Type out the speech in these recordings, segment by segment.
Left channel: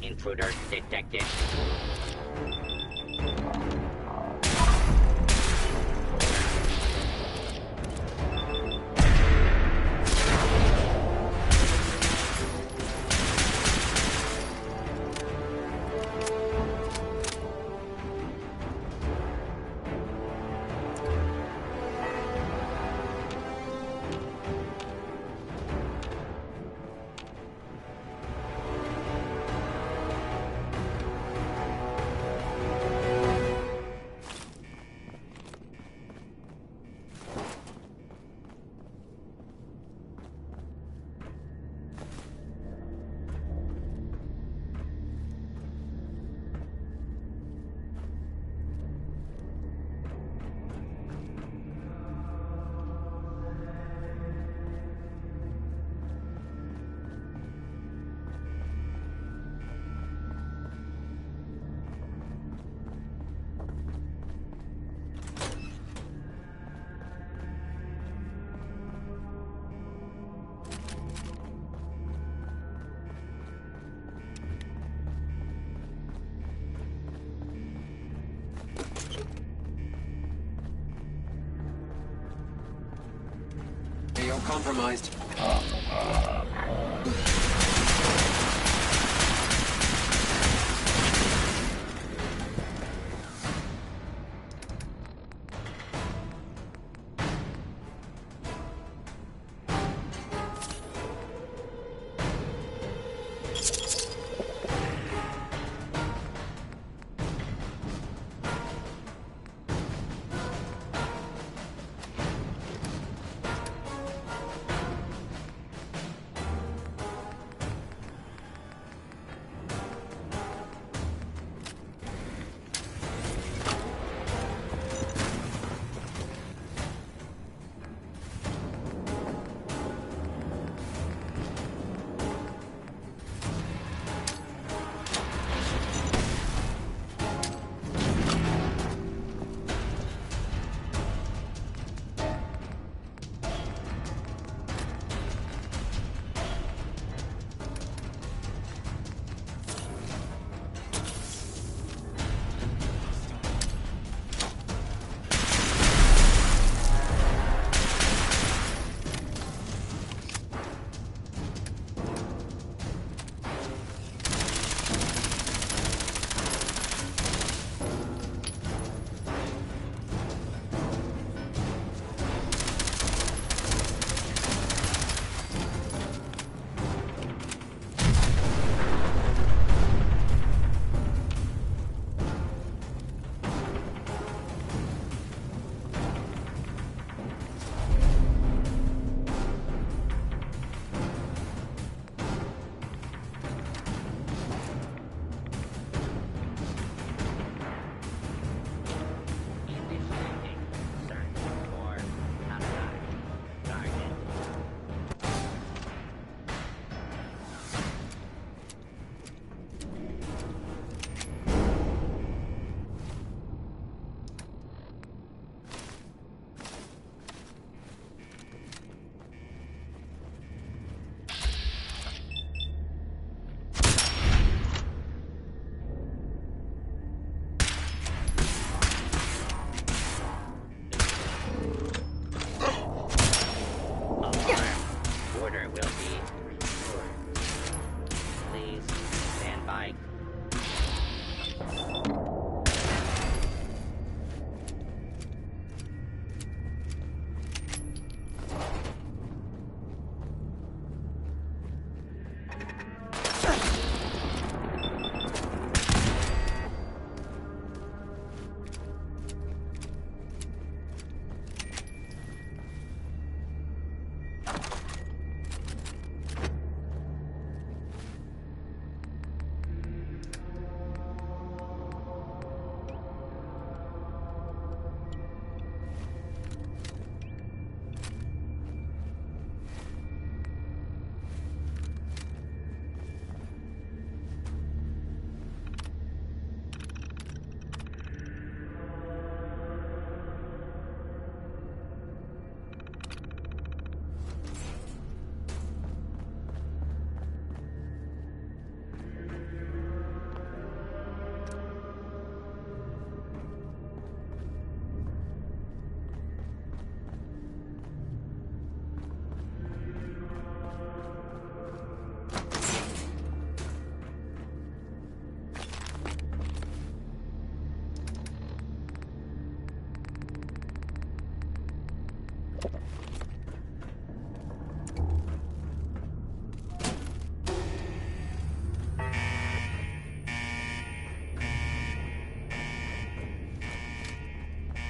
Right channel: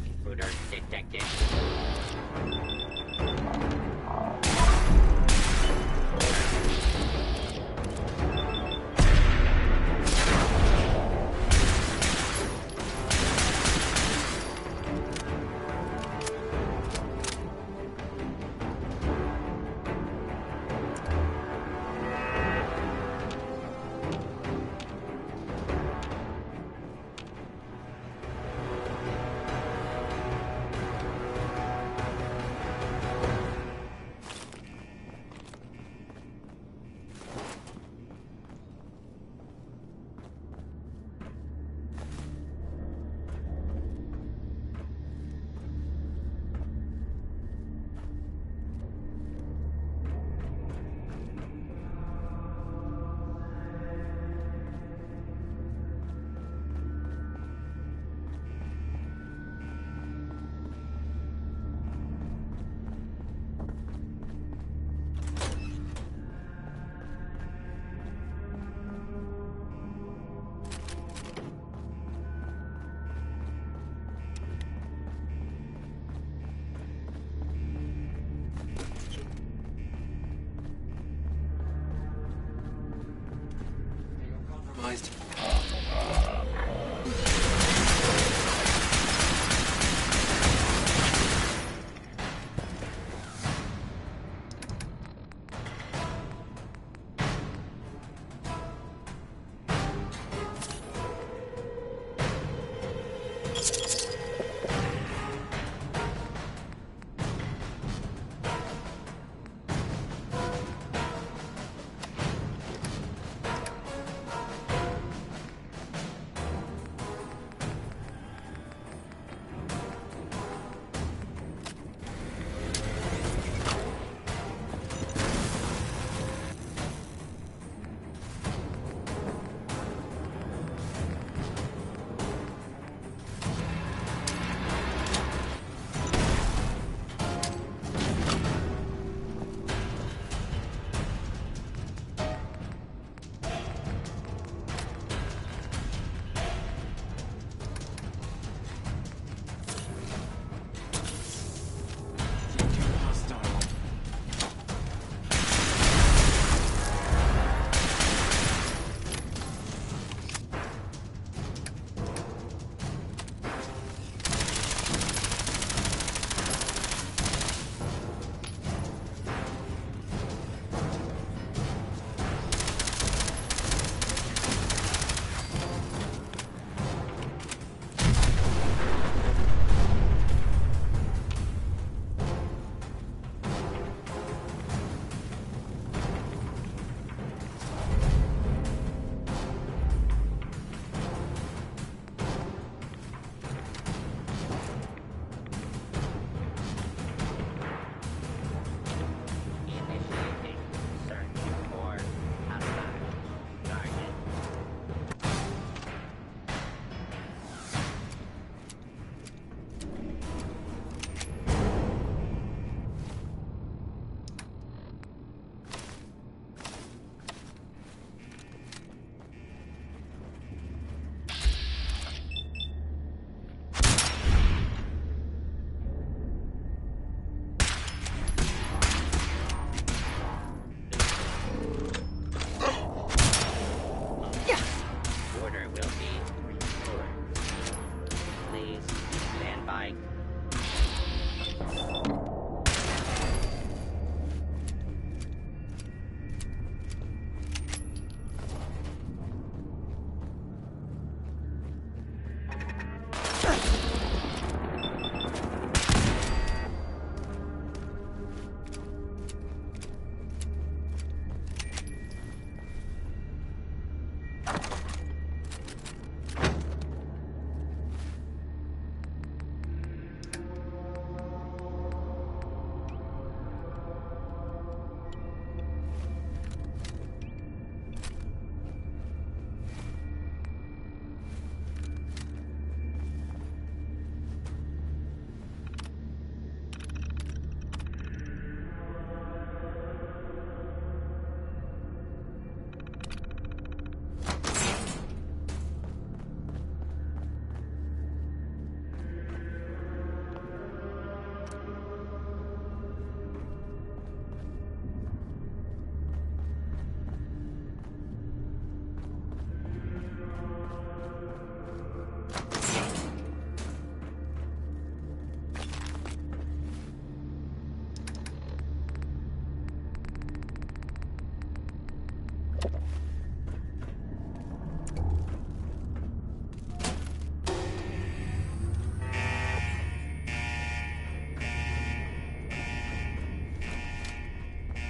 Intruder detected. You're compromised.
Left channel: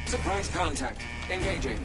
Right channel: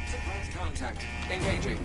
Surprise contact. Engaging.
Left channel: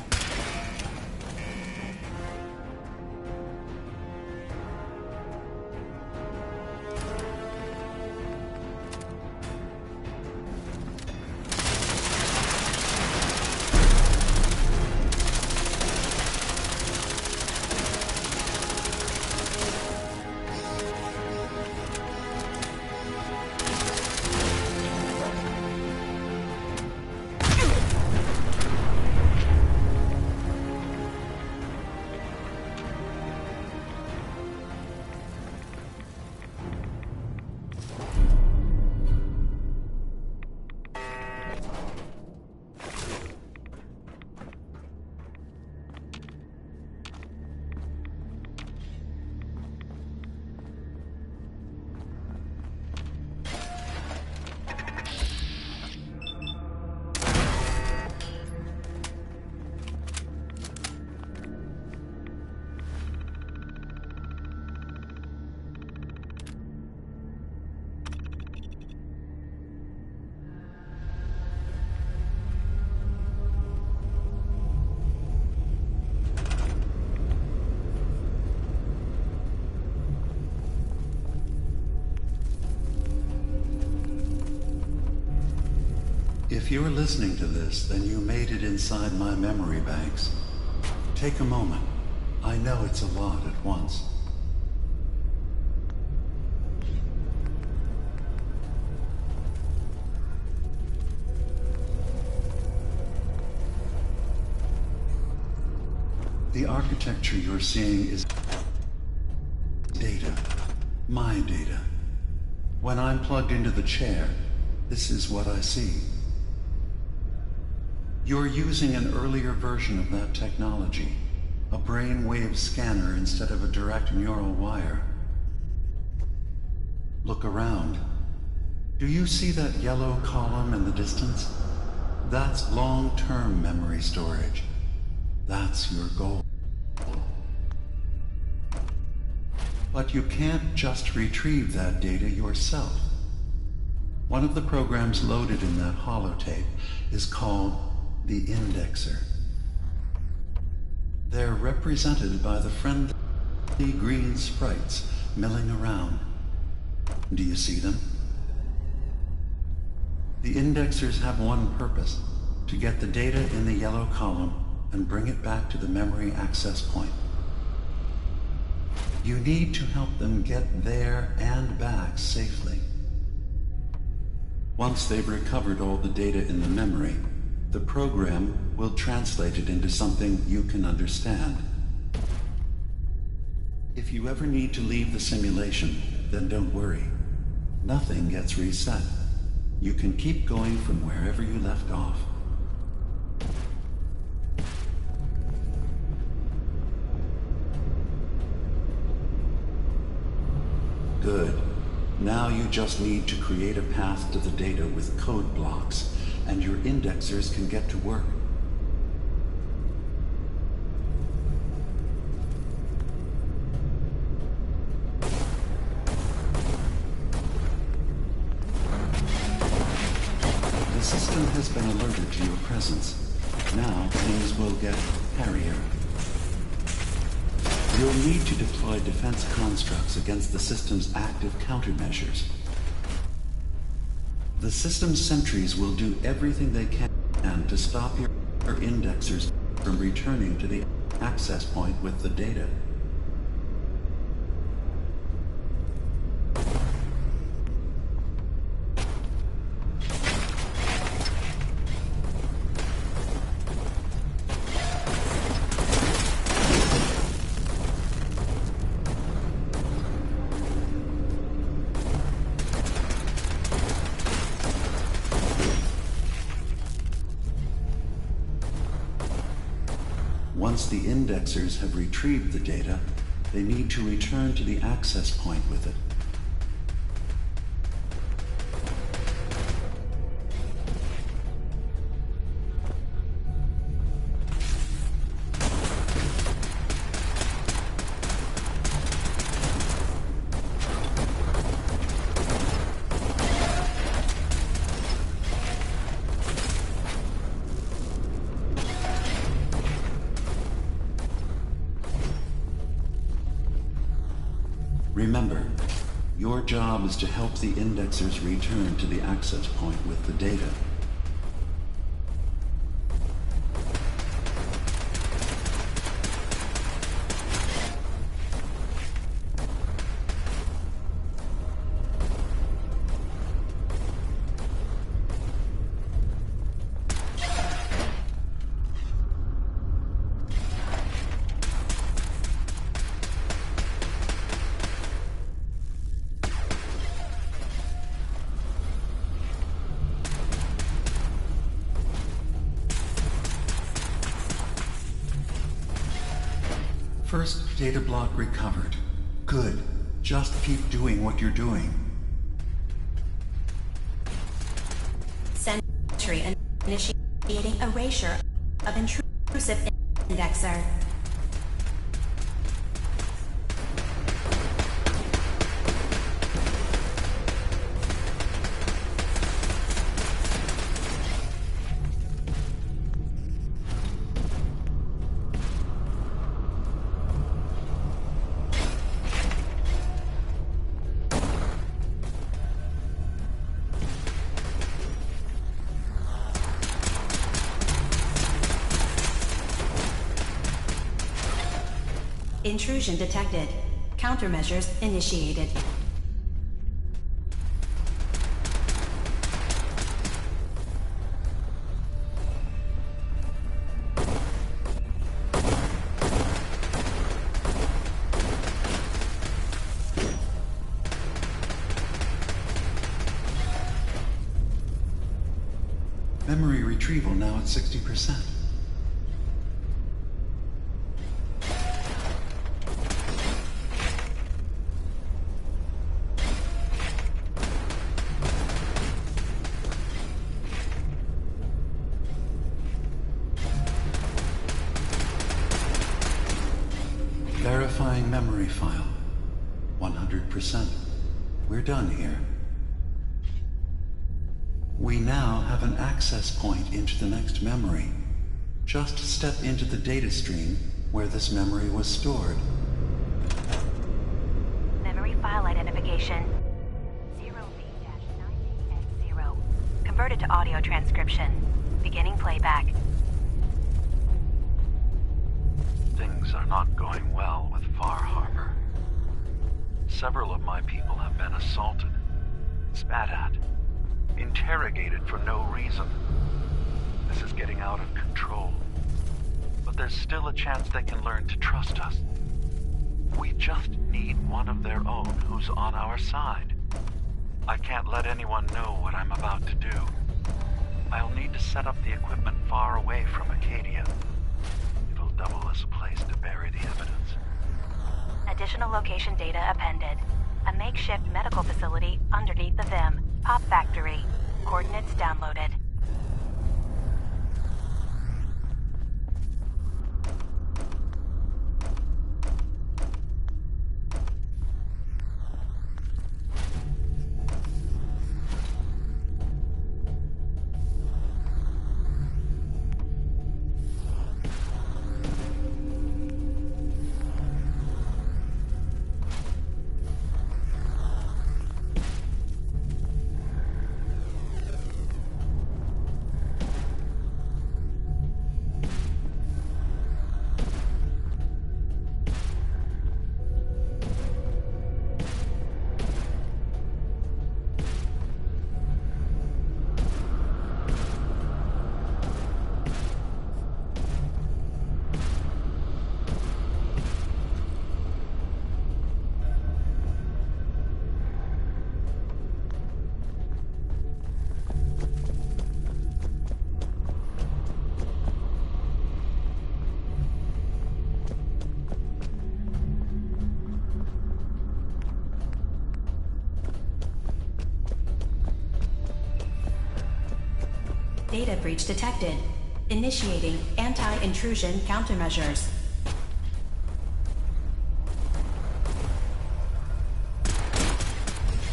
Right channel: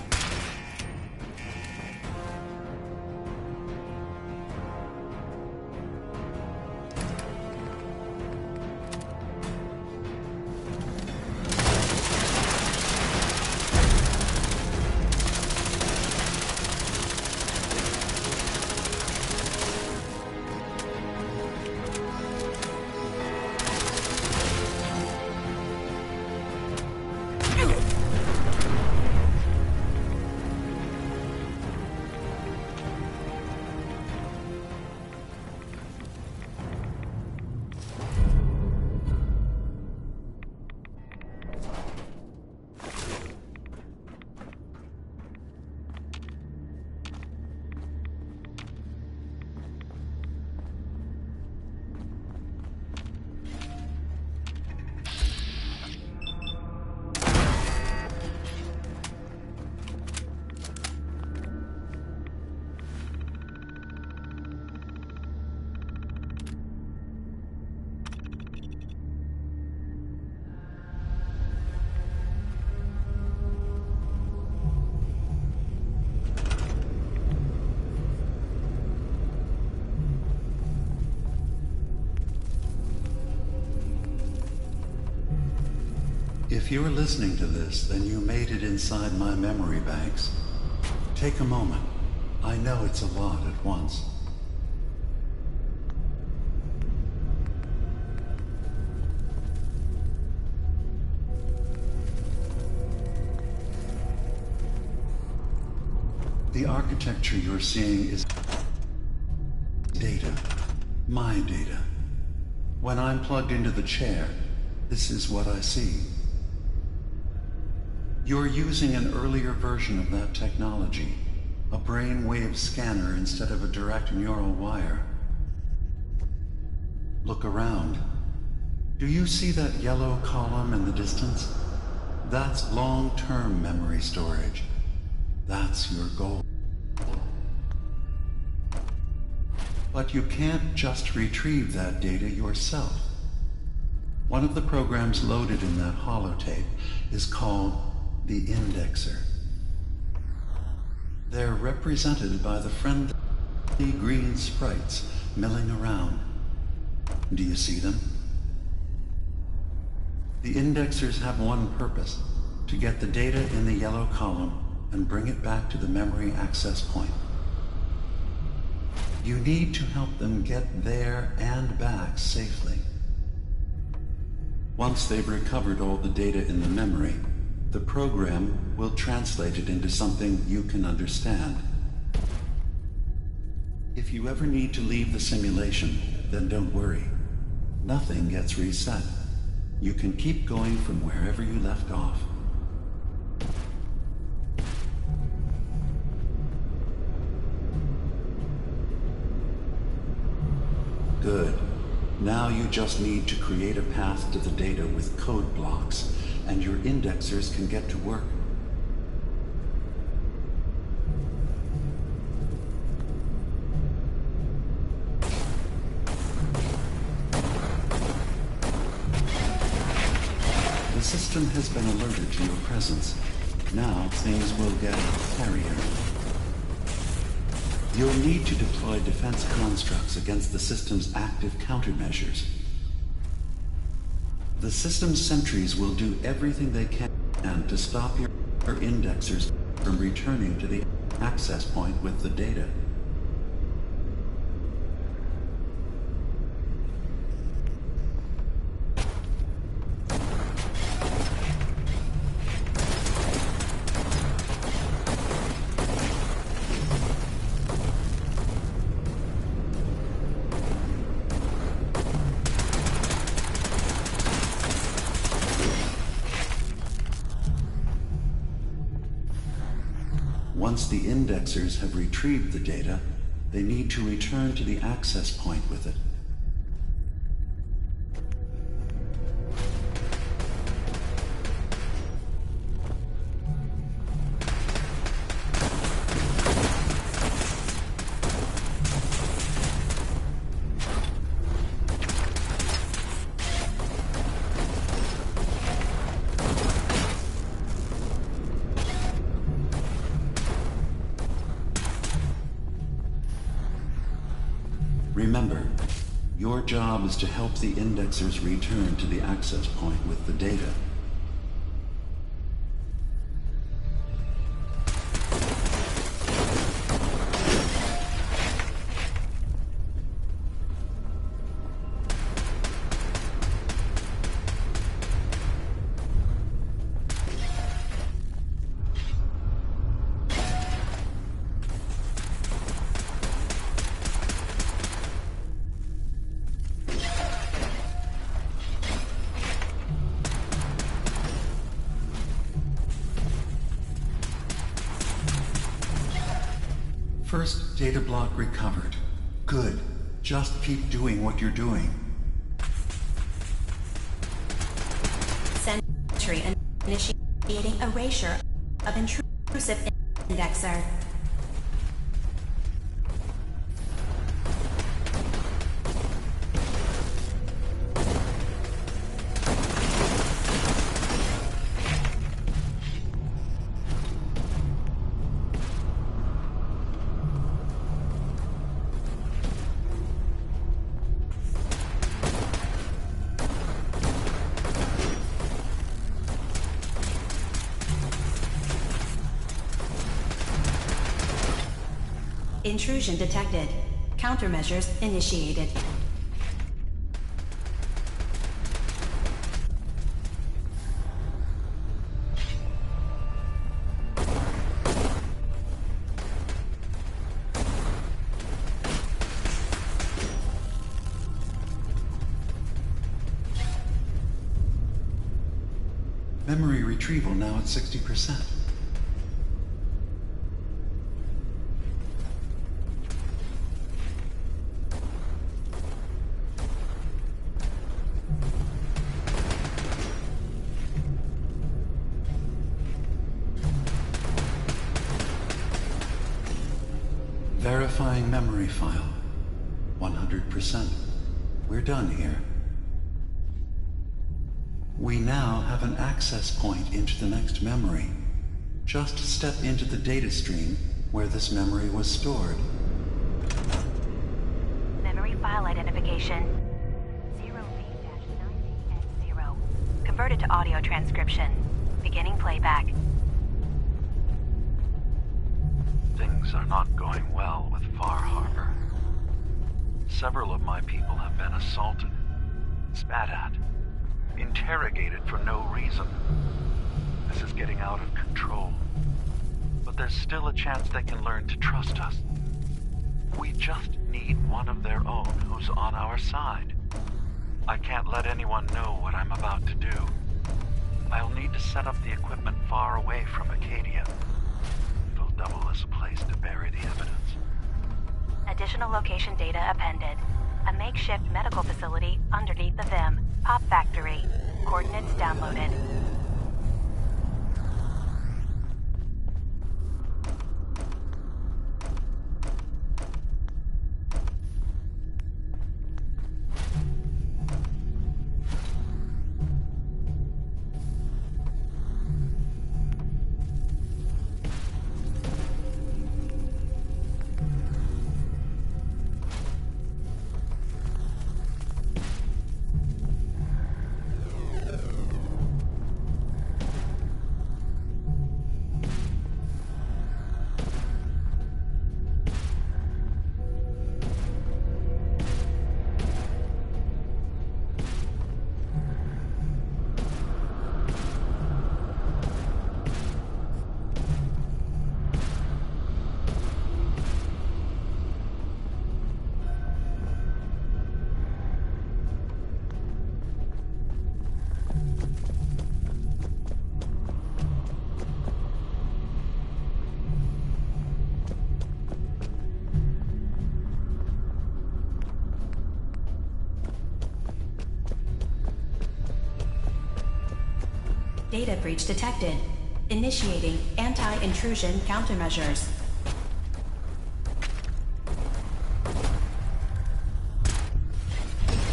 If you're listening to this, then you made it inside my memory banks. Take a moment. I know it's a lot at once. The architecture you're seeing is data. My data. When I'm plugged into the chair, this is what I see. You're using an earlier version of that technology, a brainwave scanner instead of a direct neural wire. Look around. Do you see that yellow column in the distance? That's long-term memory storage. That's your goal. But you can't just retrieve that data yourself. One of the programs loaded in that holotape is called the indexer. They're represented by the friendly green sprites milling around. Do you see them? The indexers have one purpose: to get the data in the yellow column and bring it back to the memory access point. You need to help them get there and back safely. Once they've recovered all the data in the memory, the program will translate it into something you can understand. If you ever need to leave the simulation, then don't worry. Nothing gets reset. You can keep going from wherever you left off. Good. Now you just need to create a path to the data with code blocks, and your indexers can get to work. The system has been alerted to your presence. Now things will get hairier. You'll need to deploy defense constructs against the system's active countermeasures. The system's sentries will do everything they can to stop your indexers from returning to the access point with the data. Once the indexers have retrieved the data, they need to return to the access point with it. Remember, your job is to help the indexers return to the access point with the data. First data block recovered. Good. Just keep doing what you're doing. Sentry initiating erasure of intrusive indexer. Intrusion detected. Countermeasures initiated. Memory retrieval now at 60%. Verifying memory file. 100%. We're done here. We now have an access point into the next memory. Just step into the data stream where this memory was stored. Memory file identification 0V-9AX0. Converted to audio transcription. Beginning playback. Things are not going well with Far Harbor. Several of my people have been assaulted, spat at, interrogated for no reason. This is getting out of control. But there's still a chance they can learn to trust us. We just need one of their own who's on our side. I can't let anyone know what I'm about to do. I'll need to set up the equipment far away from Acadia. It'll double as a place to bury the evidence. Additional location data appended. A makeshift medical facility underneath the VIM. Pop factory. Coordinates downloaded. Data breach detected. Initiating anti-intrusion countermeasures.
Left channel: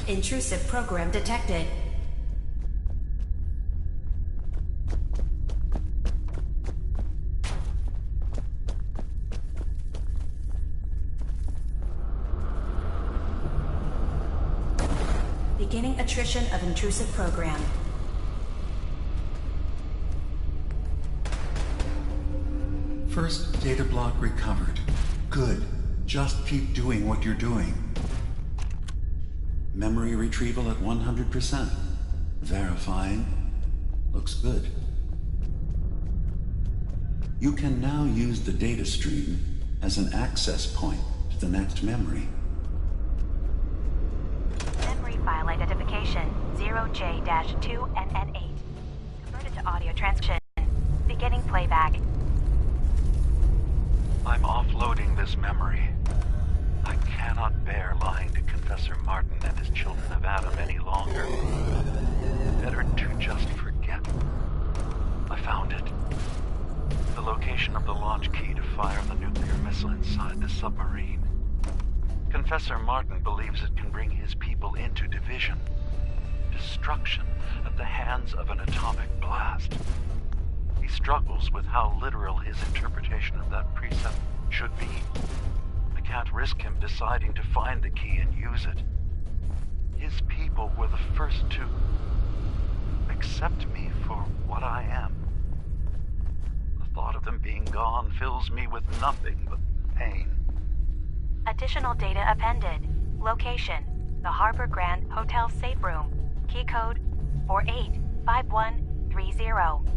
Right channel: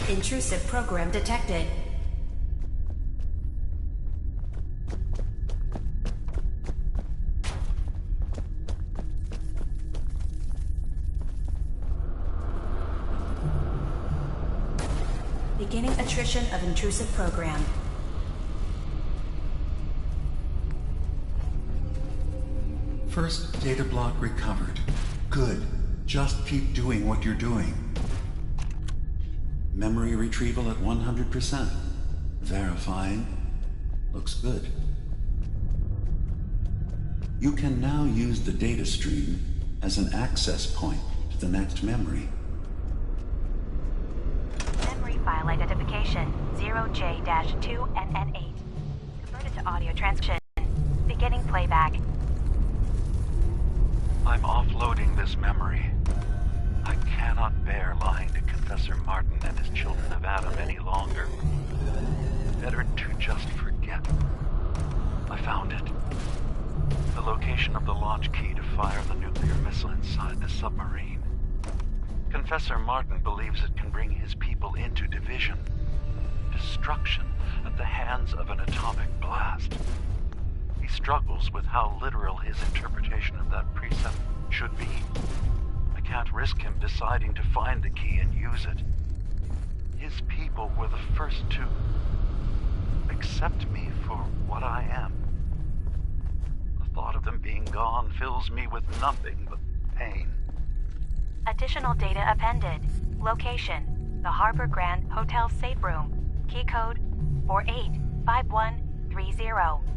Intrusive program detected. Beginning attrition of intrusive program. First data block recovered. Good. Just keep doing what you're doing. Memory retrieval at 100%. Verifying. Looks good. You can now use the data stream as an access point to the next memory. Memory file identification 0J-2NN8. Converted to audio transcription. Beginning playback. I'm offloading this memory. I cannot bear lying to Confessor Martin and his children of Adam any longer. Better to just forget. I found it. The location of the launch key to fire the nuclear missile inside the submarine. Confessor Martin believes it can bring his people into division. Destruction at the hands of an atomic blast. He struggles with how literal his interpretation of that precept should be. I can't risk him deciding to find the key and use it. His people were the first to accept me for what I am. The thought of them being gone fills me with nothing but pain. Additional data appended. Location: the Harbor Grand Hotel safe room. Key code 485130.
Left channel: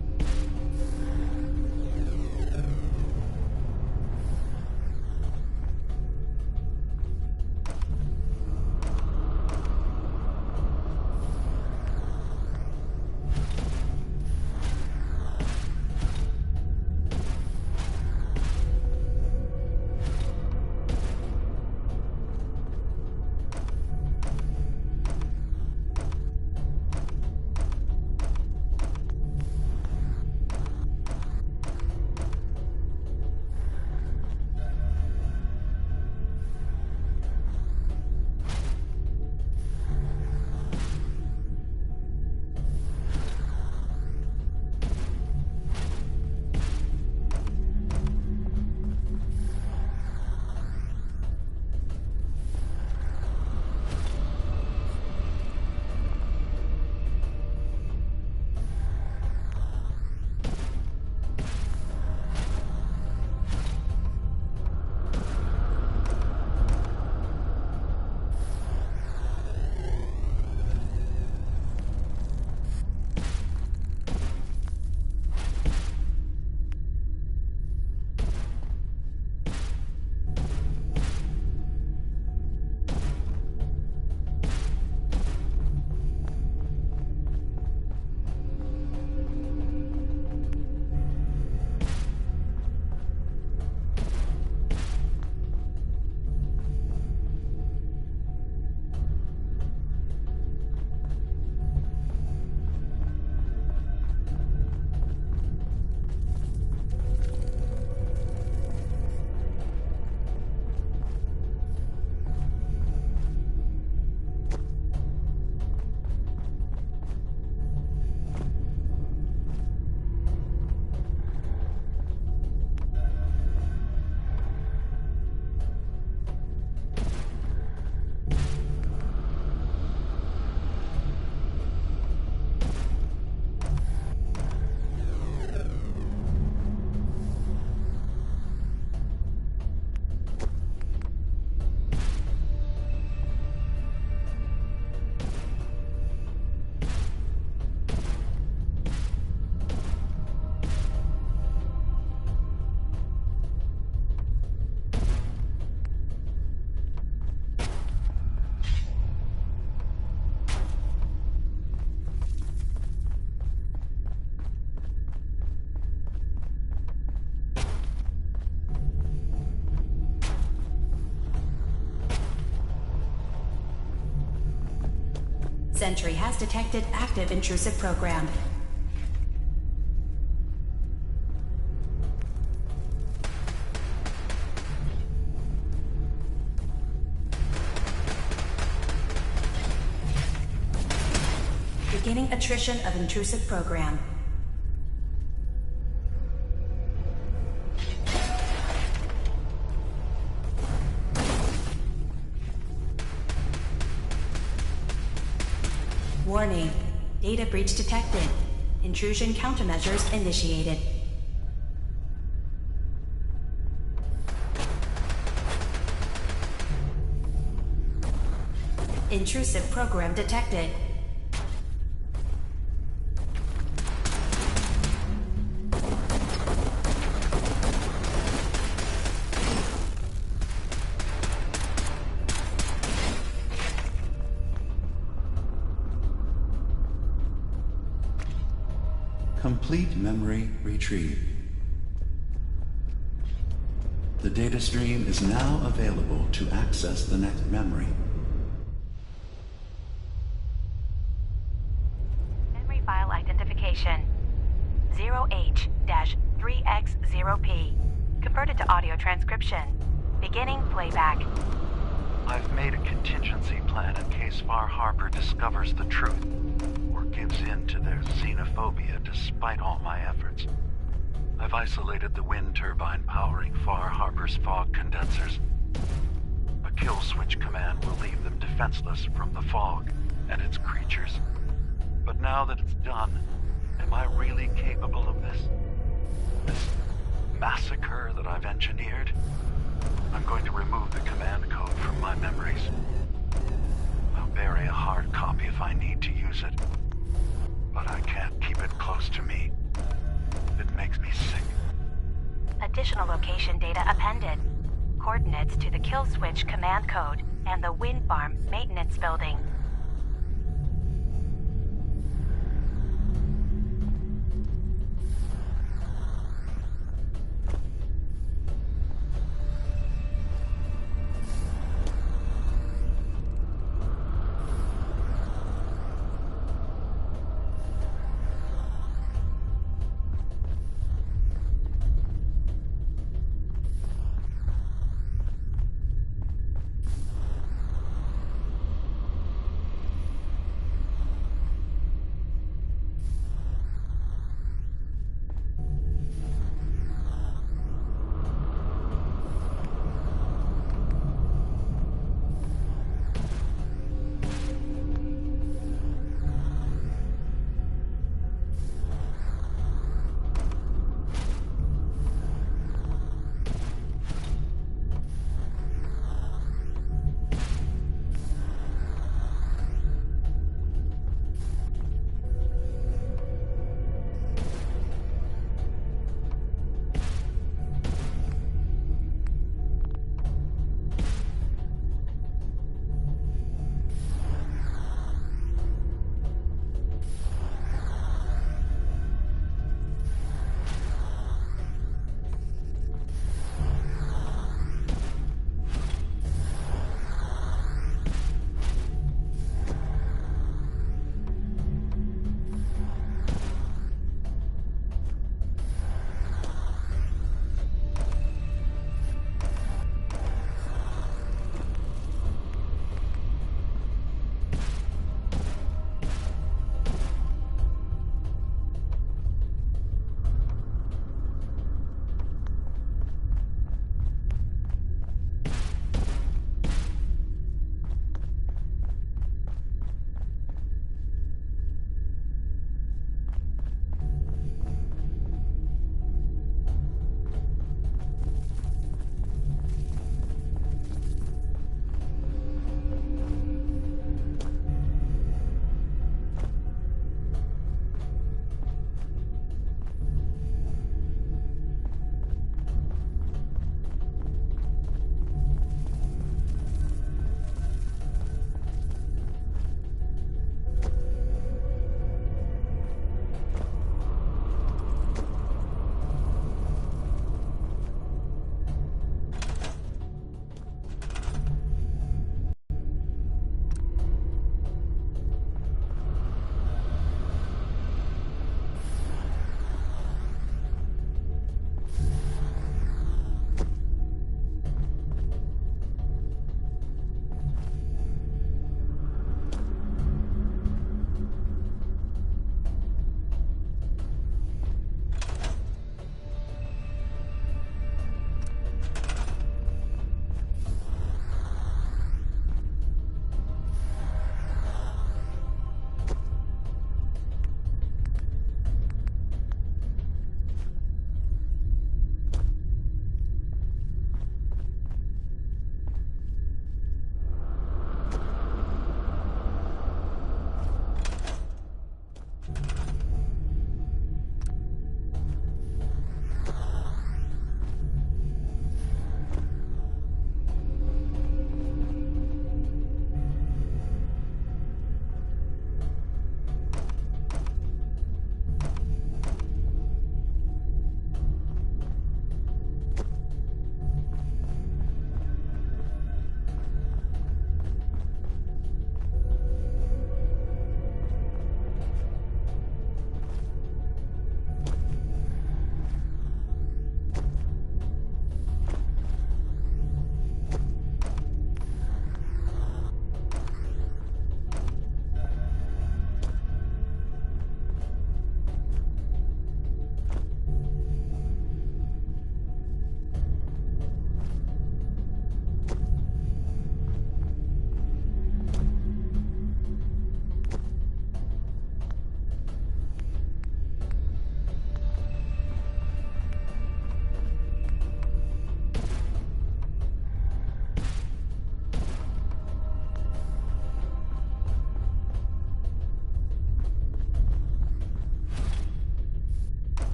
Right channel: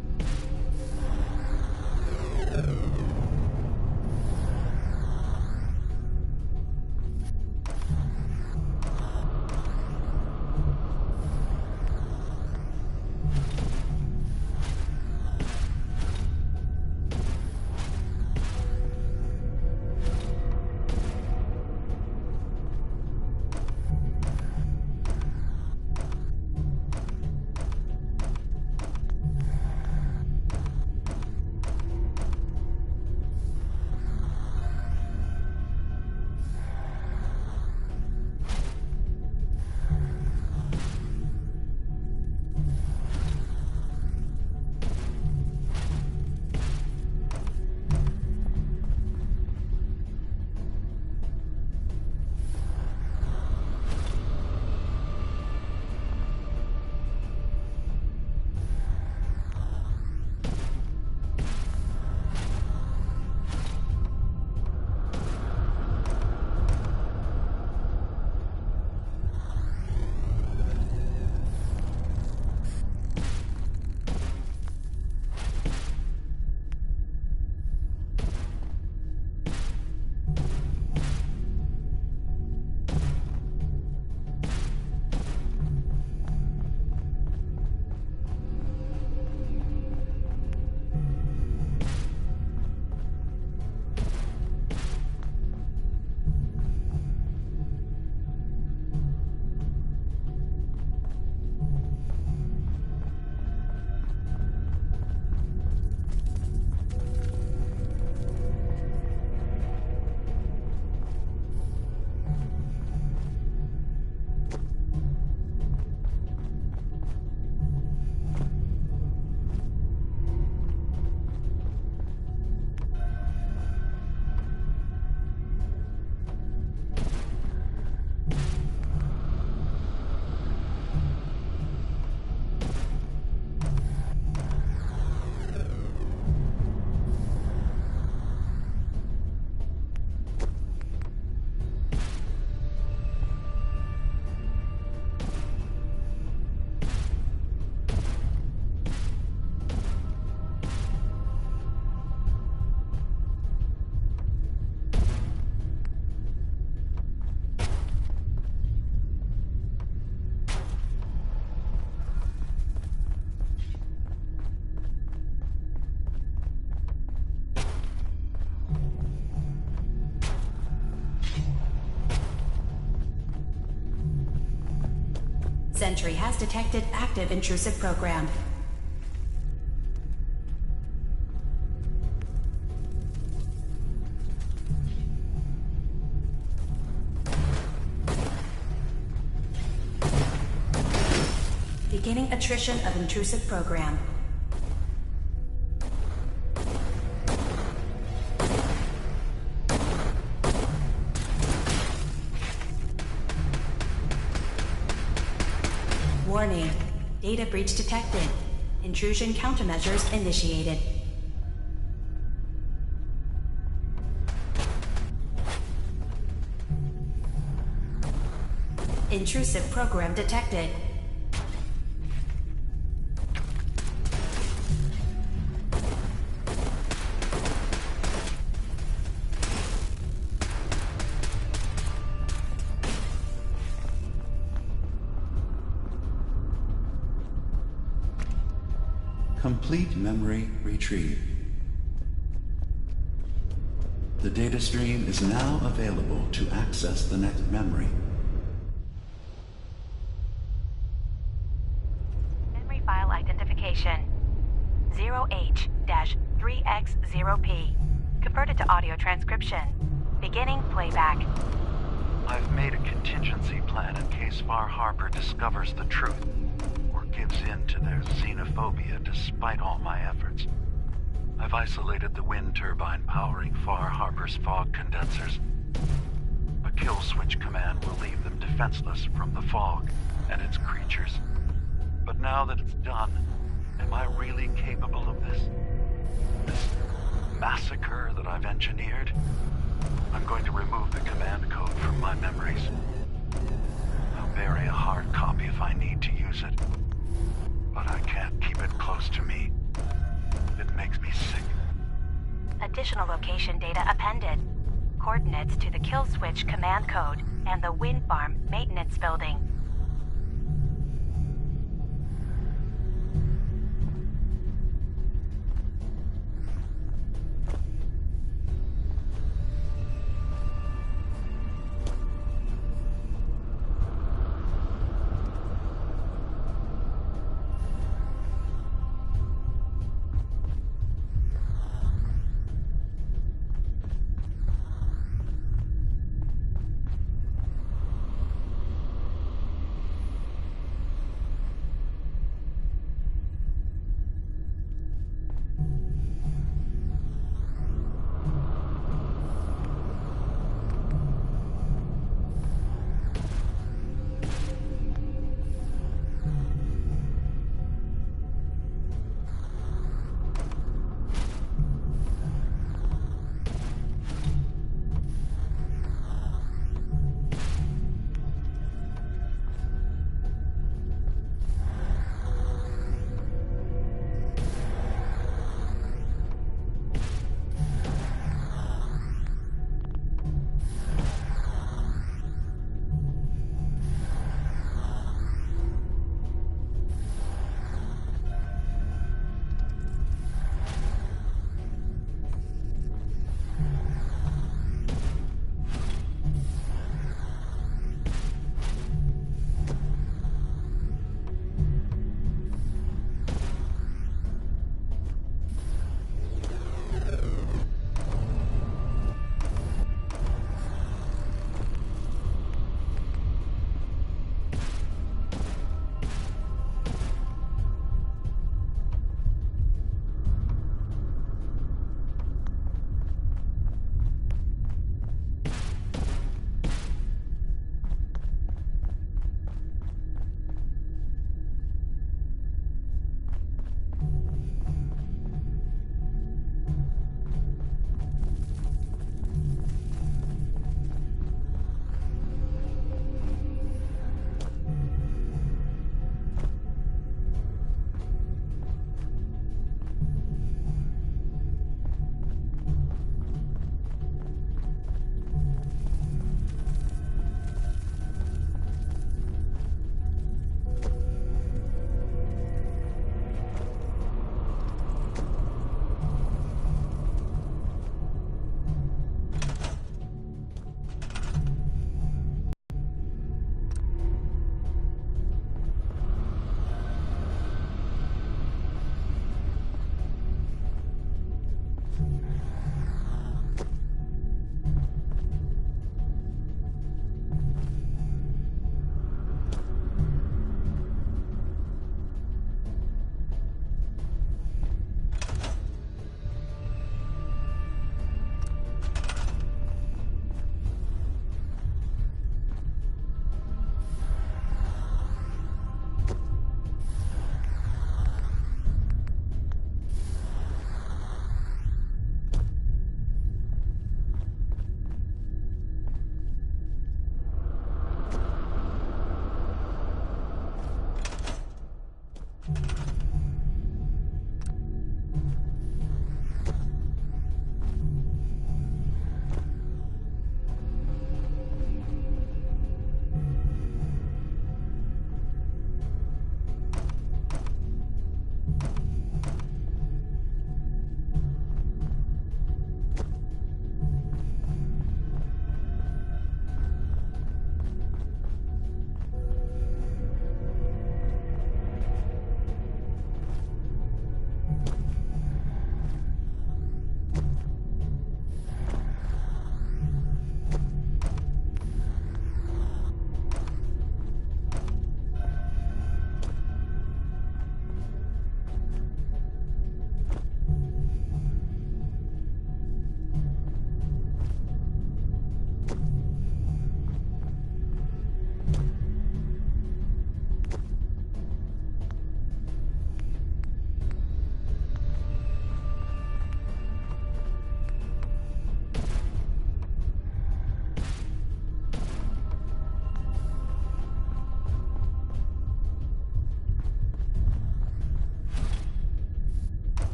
Sentry has detected active intrusive program. Beginning attrition of intrusive program. Warning. Data breach detected. Intrusion countermeasures initiated. Intrusive program detected. Complete memory retrieved. The data stream is now available to access the next memory. Memory file identification 0H-3X0P. Converted to audio transcription. Beginning playback. I've made a contingency plan in case Far Harbor discovers the truth or gives in to their xenophobia despite all my efforts. I've isolated the wind turbine powering Far Harbor's fog condensers. A kill switch command will leave them defenseless from the fog and its creatures. But now that it's done, am I really capable of this? This massacre that I've engineered? I'm going to remove the command code from my memories. I'll bury a hard copy if I need to use it. But I can't keep it close to me. It makes me sick. Additional location data appended. Coordinates to the kill switch command code and the wind farm maintenance building.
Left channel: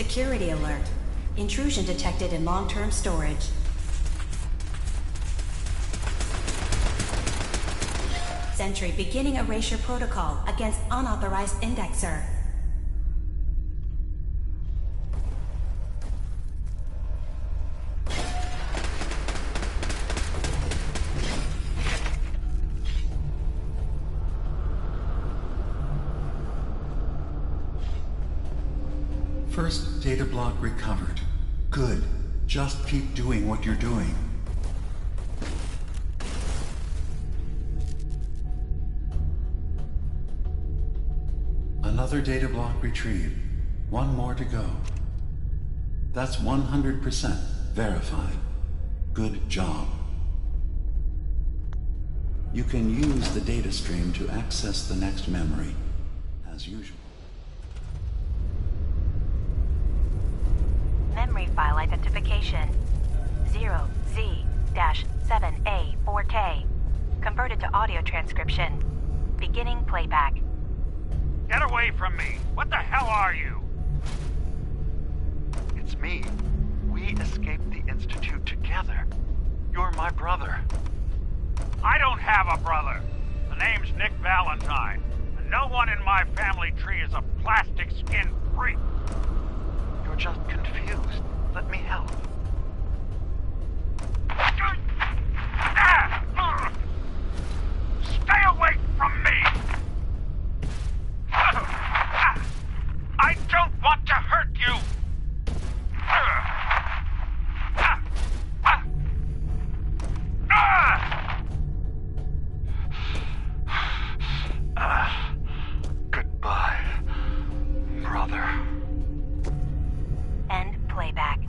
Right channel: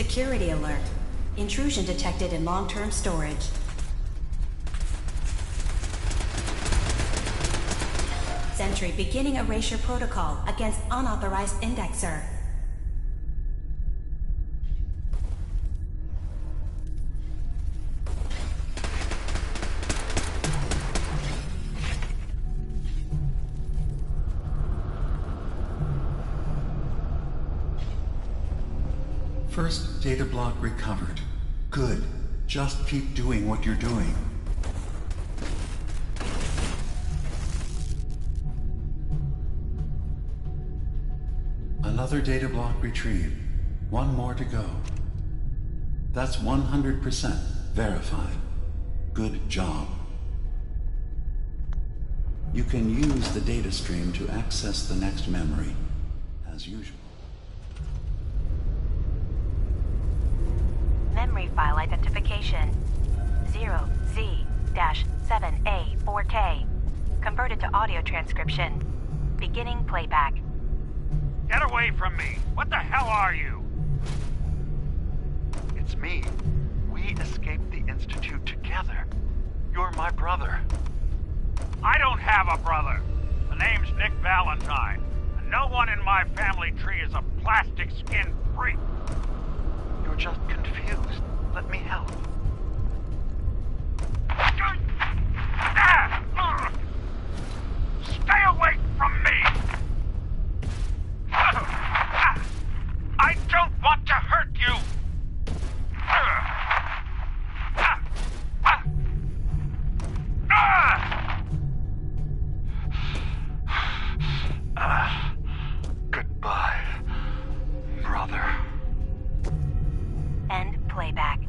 Security alert. Intrusion detected in long-term storage. Sentry beginning erasure protocol against unauthorized indexer. First data block recovered. Good. Just keep doing what you're doing. Another data block retrieved. One more to go. That's 100% verified. Good job. You can use the data stream to access the next memory, as usual. Memory file identification 0Z-7A4K. Converted to audio transcription. Beginning playback. Get away from me! What the hell are you? It's me. We escaped the Institute together. You're my brother. I don't have a brother. The name's Nick Valentine, and no one in my family tree is a plastic-skinned freak. You're just confused. Let me help. Stay away from me! I don't want to hurt you! Goodbye, brother. End playback.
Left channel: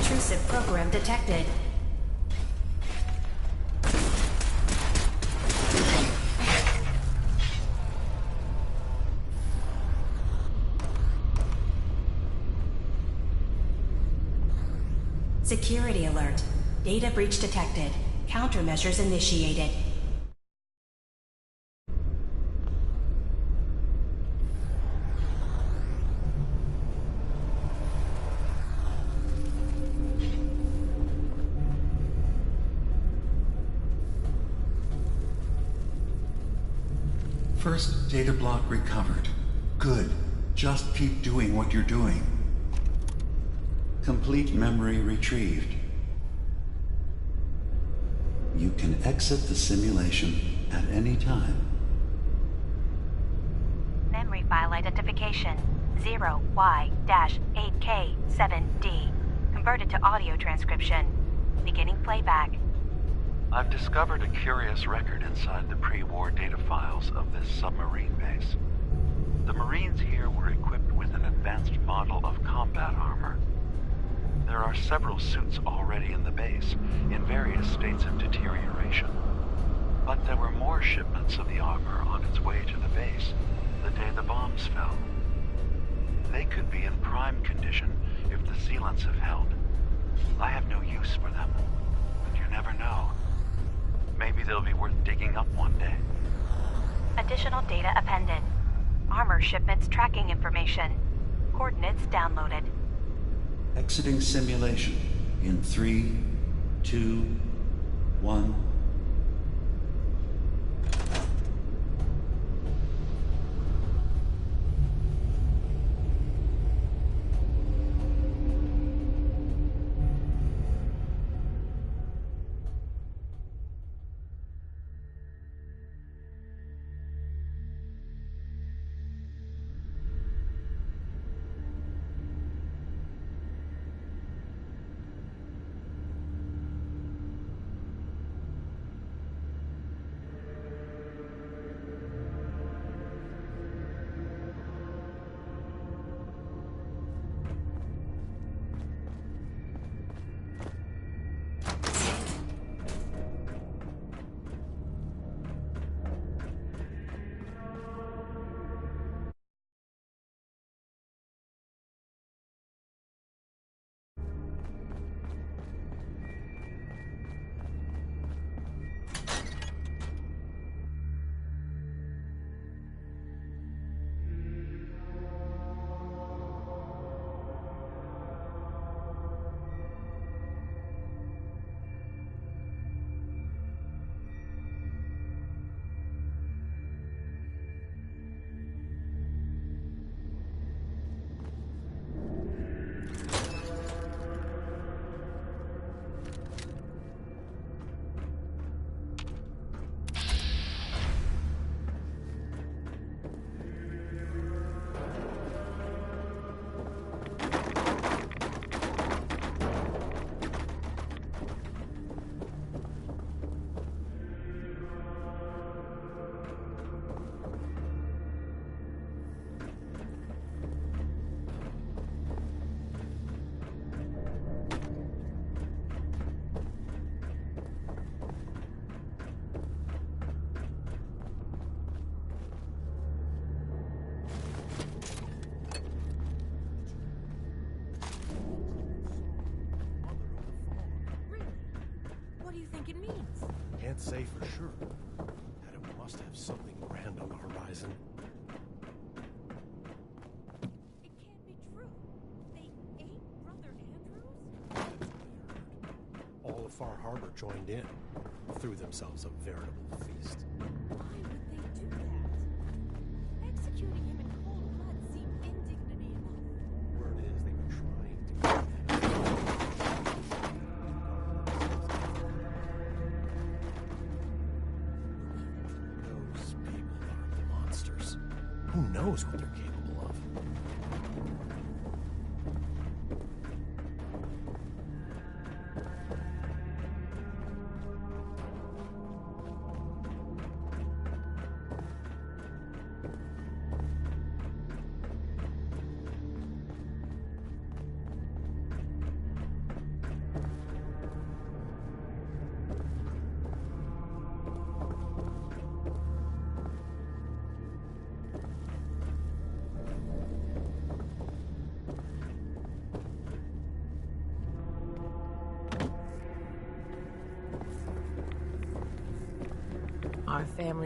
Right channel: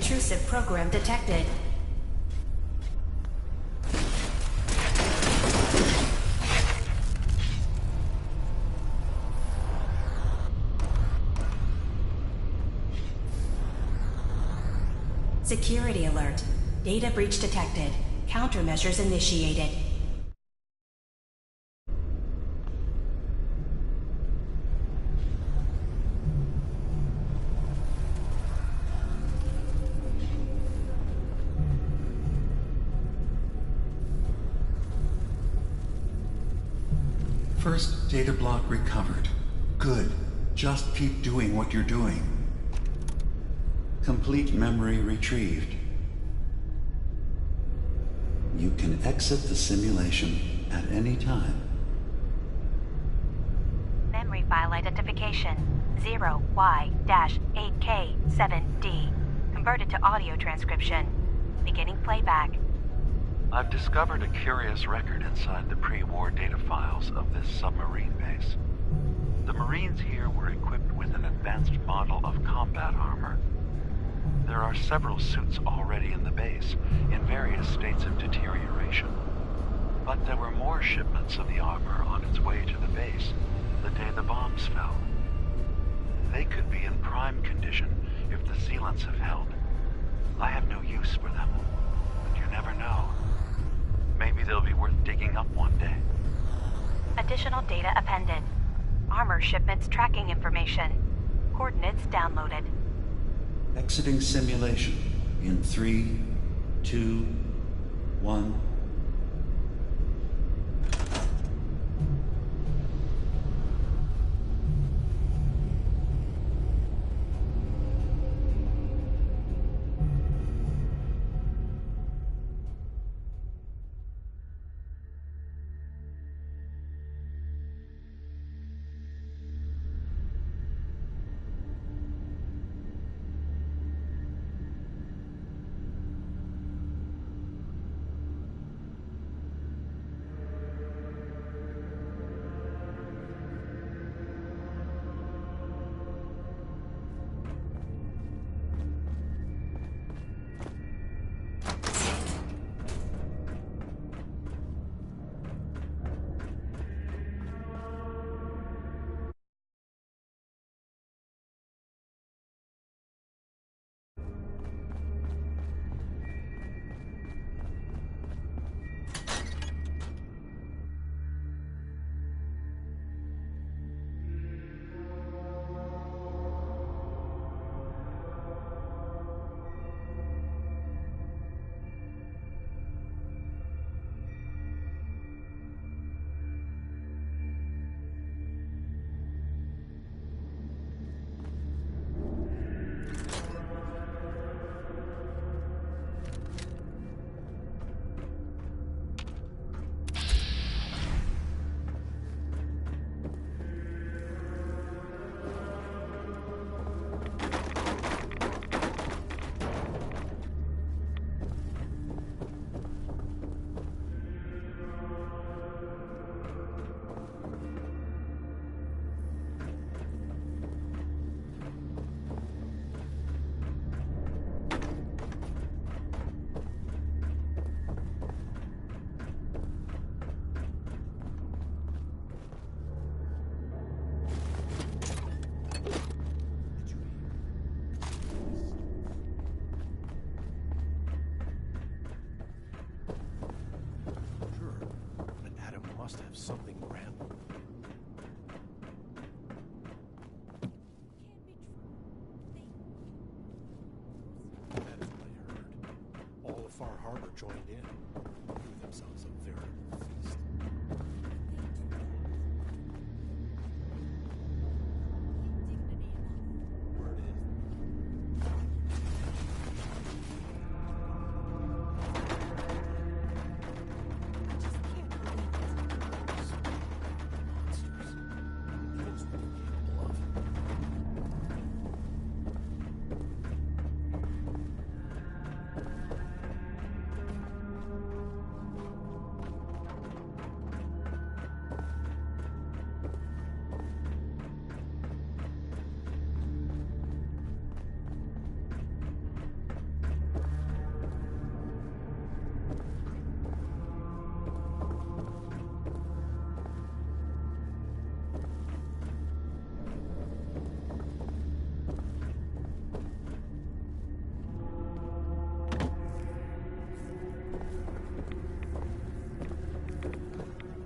Intrusive program detected. Security alert. Data breach detected. Countermeasures initiated. First data block recovered. Good. Just keep doing what you're doing. Complete memory retrieved. You can exit the simulation at any time. Memory file identification 0Y-8K7D. Converted to audio transcription. Beginning playback. I've discovered a curious record inside the pre-war data files of this submarine base. The Marines here were equipped with an advanced model of combat armor. There are several suits already in the base, in various states of deterioration. But there were more shipments of the armor on its way to the base the day the bombs fell. They could be in prime condition if the sealants have held. I have no use for them, but you never know. Maybe they'll be worth digging up one day. Additional data appended. Armor shipments tracking information. Coordinates downloaded. Exiting simulation in 3, 2, 1. Something grand on the horizon. It can't be true. They ate Brother Andrews? That's what I heard. All of Far Harbor joined in, threw themselves a veritable feast. Why would they do that? Executing him in cold blood seemed indignity enough. Word is they were trying to. Monsters. Who knows what they're capable of?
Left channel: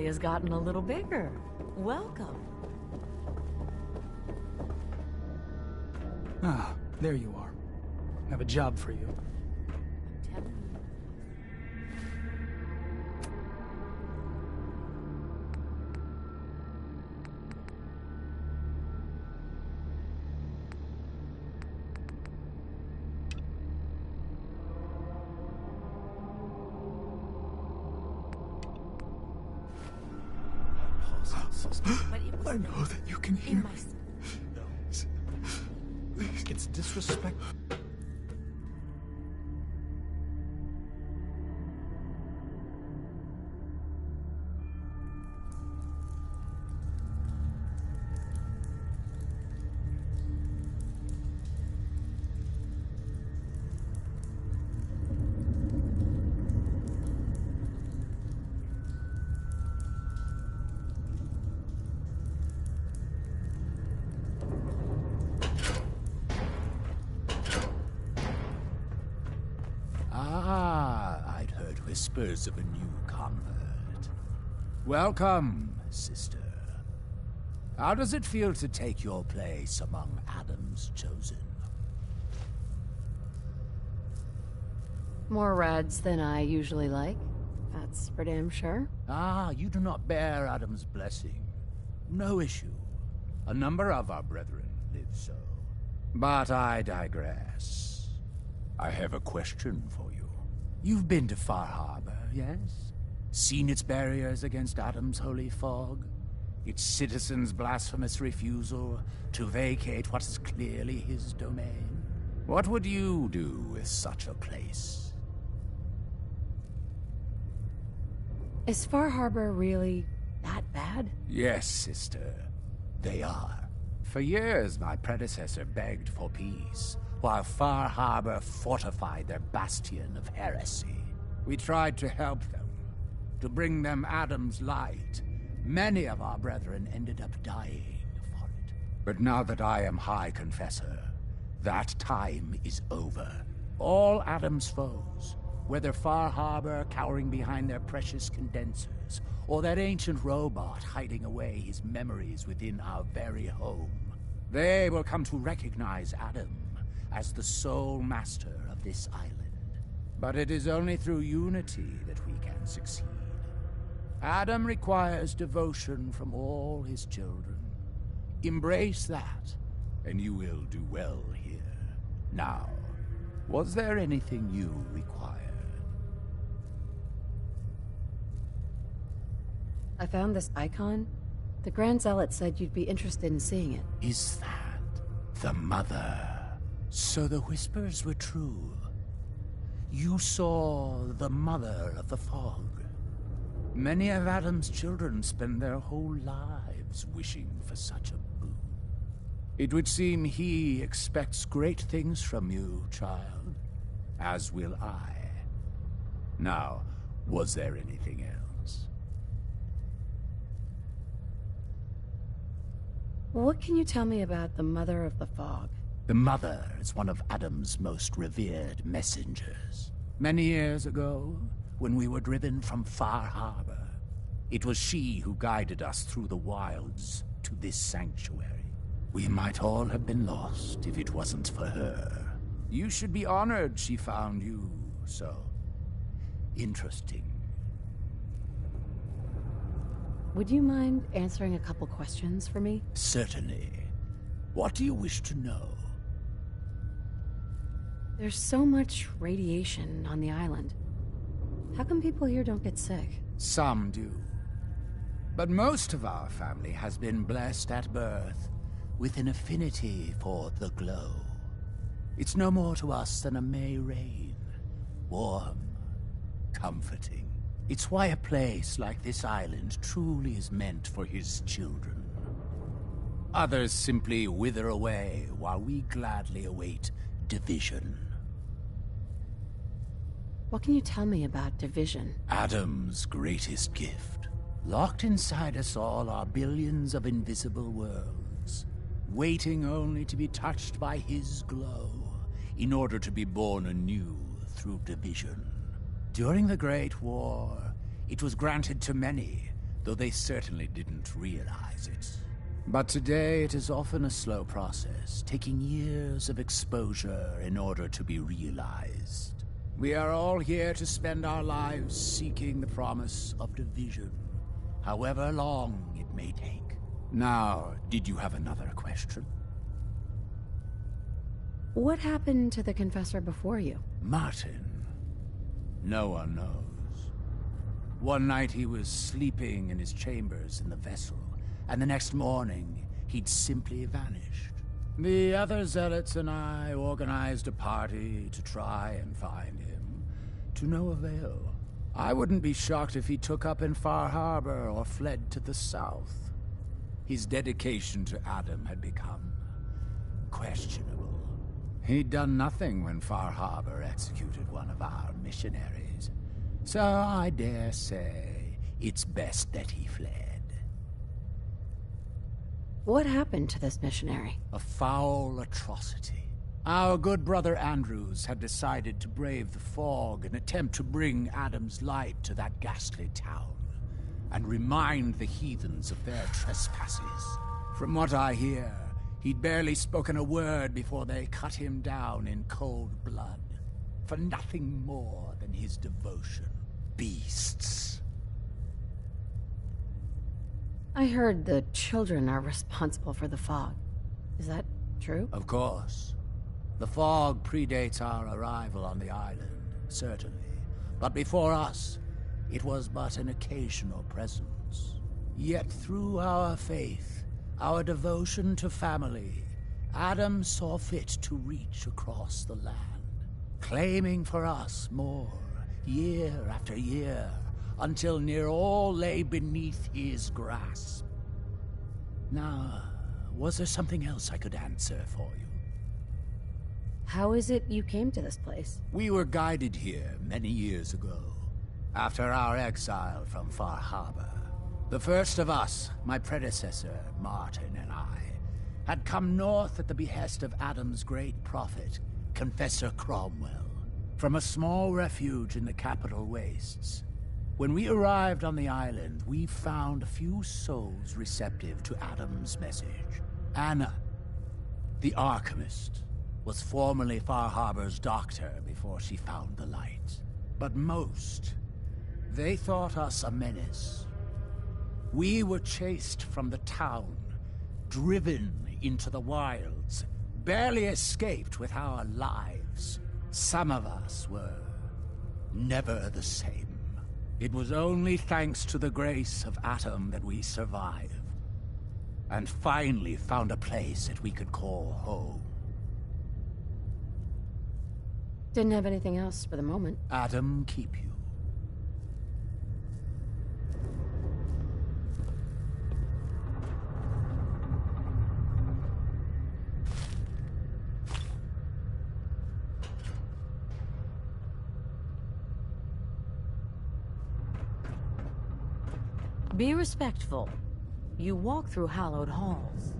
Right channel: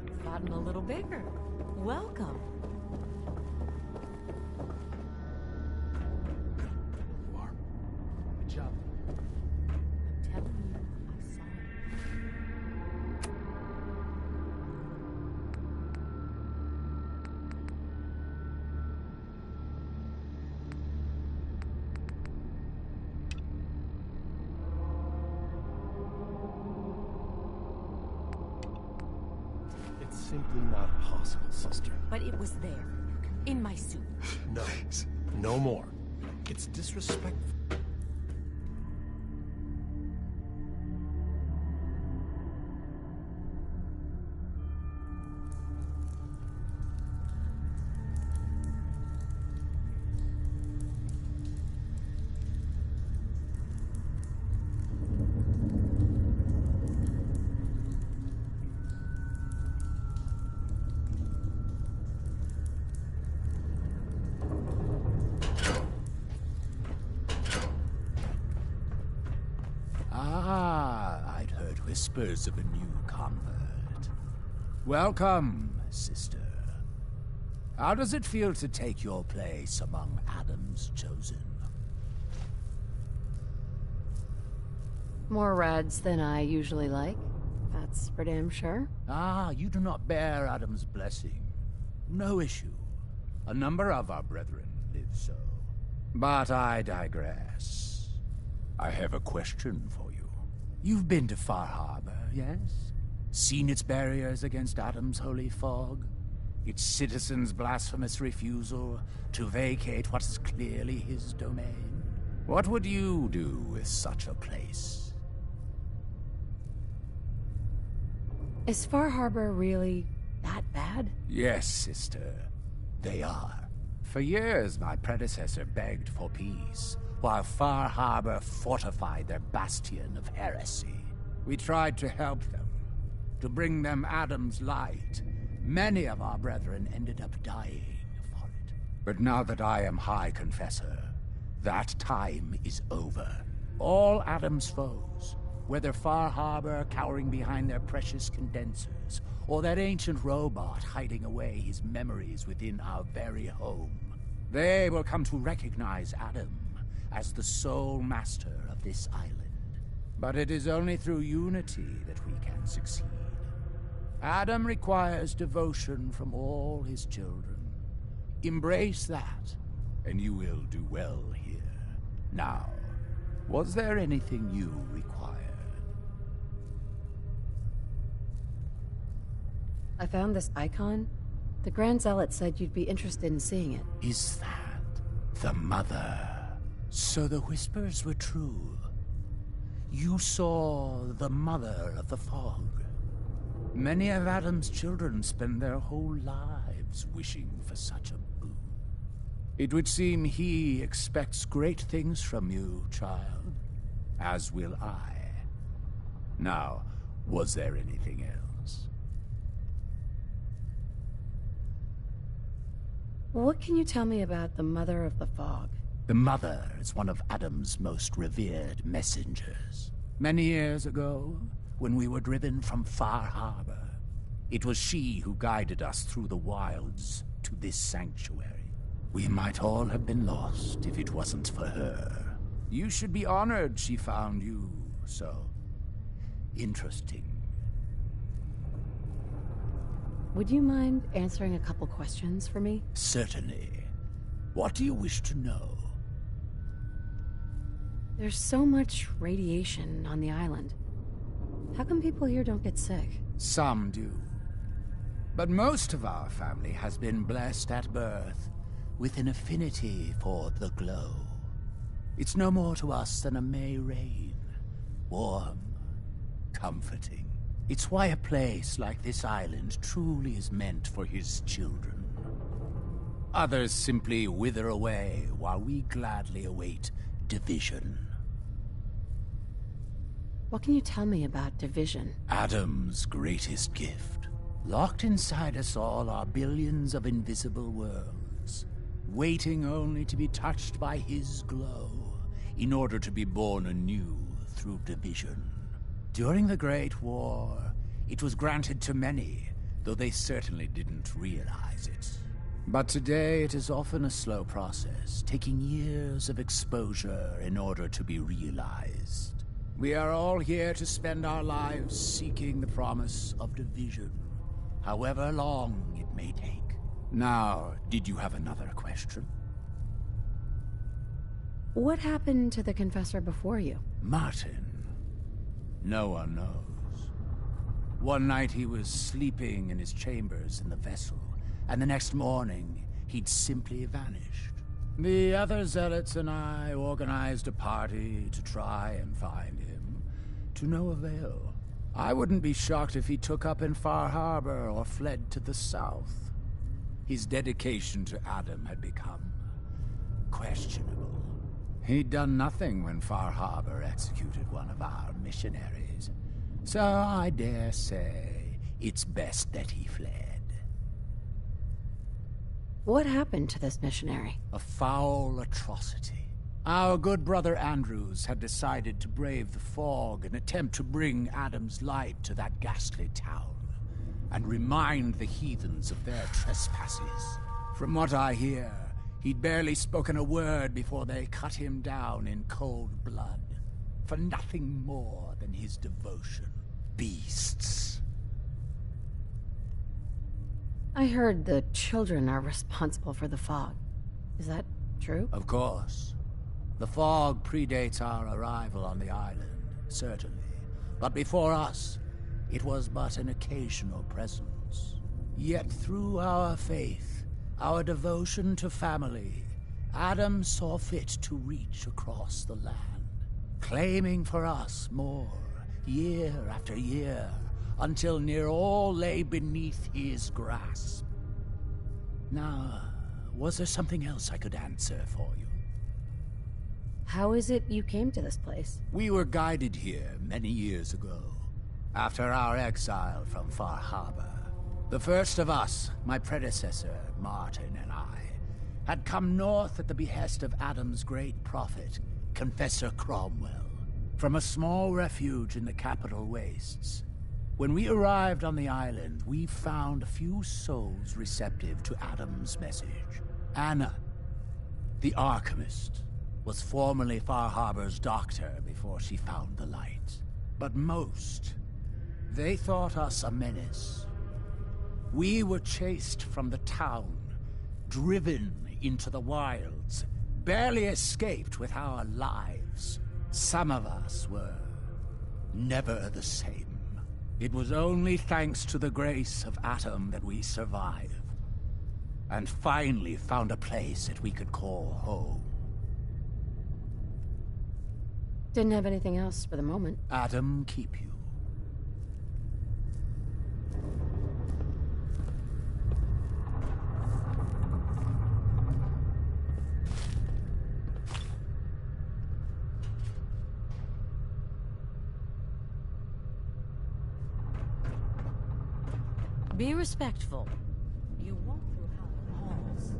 family has gotten a little bigger. Welcome. Ah, there you are. I have a job for you. I'm telling you, I saw it. It's simply not possible, sister. But it was I there, know that you can hear in me. my suit. No. No more. It's disrespectful. Ah, I'd heard whispers of a new convert. Welcome, sister. How does it feel to take your place among Adam's chosen? More RaDs than I usually like. That's for damn sure. Ah, you do not bear Adam's blessing. No issue. A number of our brethren live so. But I digress. I have a question for you. You've been to Far Harbor, yes? Seen its barriers against Adam's holy fog? Its citizens' blasphemous refusal to vacate what is clearly his domain? What would you do with such a place? Is Far Harbor really that bad? Yes, sister. They are. For years, my predecessor begged for peace, while Far Harbor fortified their bastion of heresy. We tried to help them, to bring them Adam's light. Many of our brethren ended up dying for it. But now that I am High Confessor, that time is over. All Adam's foes, whether Far Harbor cowering behind their precious condensers, or that ancient robot hiding away his memories within our very home, they will come to recognize Adam as the sole master of this island. But it is only through unity that we can succeed. Adam requires devotion from all his children. Embrace that, and you will do well here. Now, was there anything you required? I found this icon. The Grand Zealot said you'd be interested in seeing it. Is that the mother? So the whispers were true. You saw the mother of the fog. Many of Adam's children spend their whole lives wishing for such a boon. It would seem he expects great things from you, child. As will I. Now, was there anything else? What can you tell me about the Mother of the Fog? The Mother is one of Adam's most revered messengers. Many years ago, when we were driven from Far Harbor, it was she who guided us through the wilds to this sanctuary. We might all have been lost if it wasn't for her. You should be honored she found you so interesting. Would you mind answering a couple questions for me? Certainly. What do you wish to know? There's so much radiation on the island. How come people here don't get sick? Some do. But most of our family has been blessed at birth with an affinity for the glow. It's no more to us than a May rain. Warm, comforting. It's why a place like this island truly is meant for his children. Others simply wither away while we gladly await division. What can you tell me about division? Adam's greatest gift. Locked inside us all are billions of invisible worlds, waiting only to be touched by his glow, in order to be born anew through division. During the Great War, it was granted to many, though they certainly didn't realize it. But today it is often a slow process, taking years of exposure in order to be realized. We are all here to spend our lives seeking the promise of division, however long it may take. Now, did you have another question? What happened to the Confessor before you? Martin. No one knows. One night he was sleeping in his chambers in the vessel, and the next morning he'd simply vanished. The other zealots and I organized a party to try and find him, to no avail. I wouldn't be shocked if he took up in Far Harbor or fled to the south. His dedication to Adam had become questionable. He'd done nothing when Far Harbor executed one of our missionaries, so I dare say it's best that he fled. What happened to this missionary? A foul atrocity. Our good brother Andrews had decided to brave the fog and attempt to bring Adam's light to that ghastly town, and remind the heathens of their trespasses. From what I hear, he'd barely spoken a word before they cut him down in cold blood, for nothing more than his devotion. Beasts. I heard the children are responsible for the fog. Is that true? Of course. The fog predates our arrival on the island, certainly. But before us, it was but an occasional presence. Yet through our faith, our devotion to family, Adam saw fit to reach across the land, claiming for us more, year after year, until near all lay beneath his grasp. Now, was there something else I could answer for you? How is it you came to this place? We were guided here many years ago, after our exile from Far Harbor. The first of us, my predecessor, Martin, and I, had come north at the behest of Adam's great prophet, Confessor Cromwell, from a small refuge in the capital wastes. When we arrived on the island, we found a few souls receptive to Adam's message. Anna, the alchemist, was formerly Far Harbor's doctor before she found the light. But most, they thought us a menace. We were chased from the town, driven into the wilds, barely escaped with our lives. Some of us were never the same. It was only thanks to the grace of Adam that we survived, and finally found a place that we could call home. Didn't have anything else for the moment. Adam keep you. Be respectful. You walk through hallowed halls.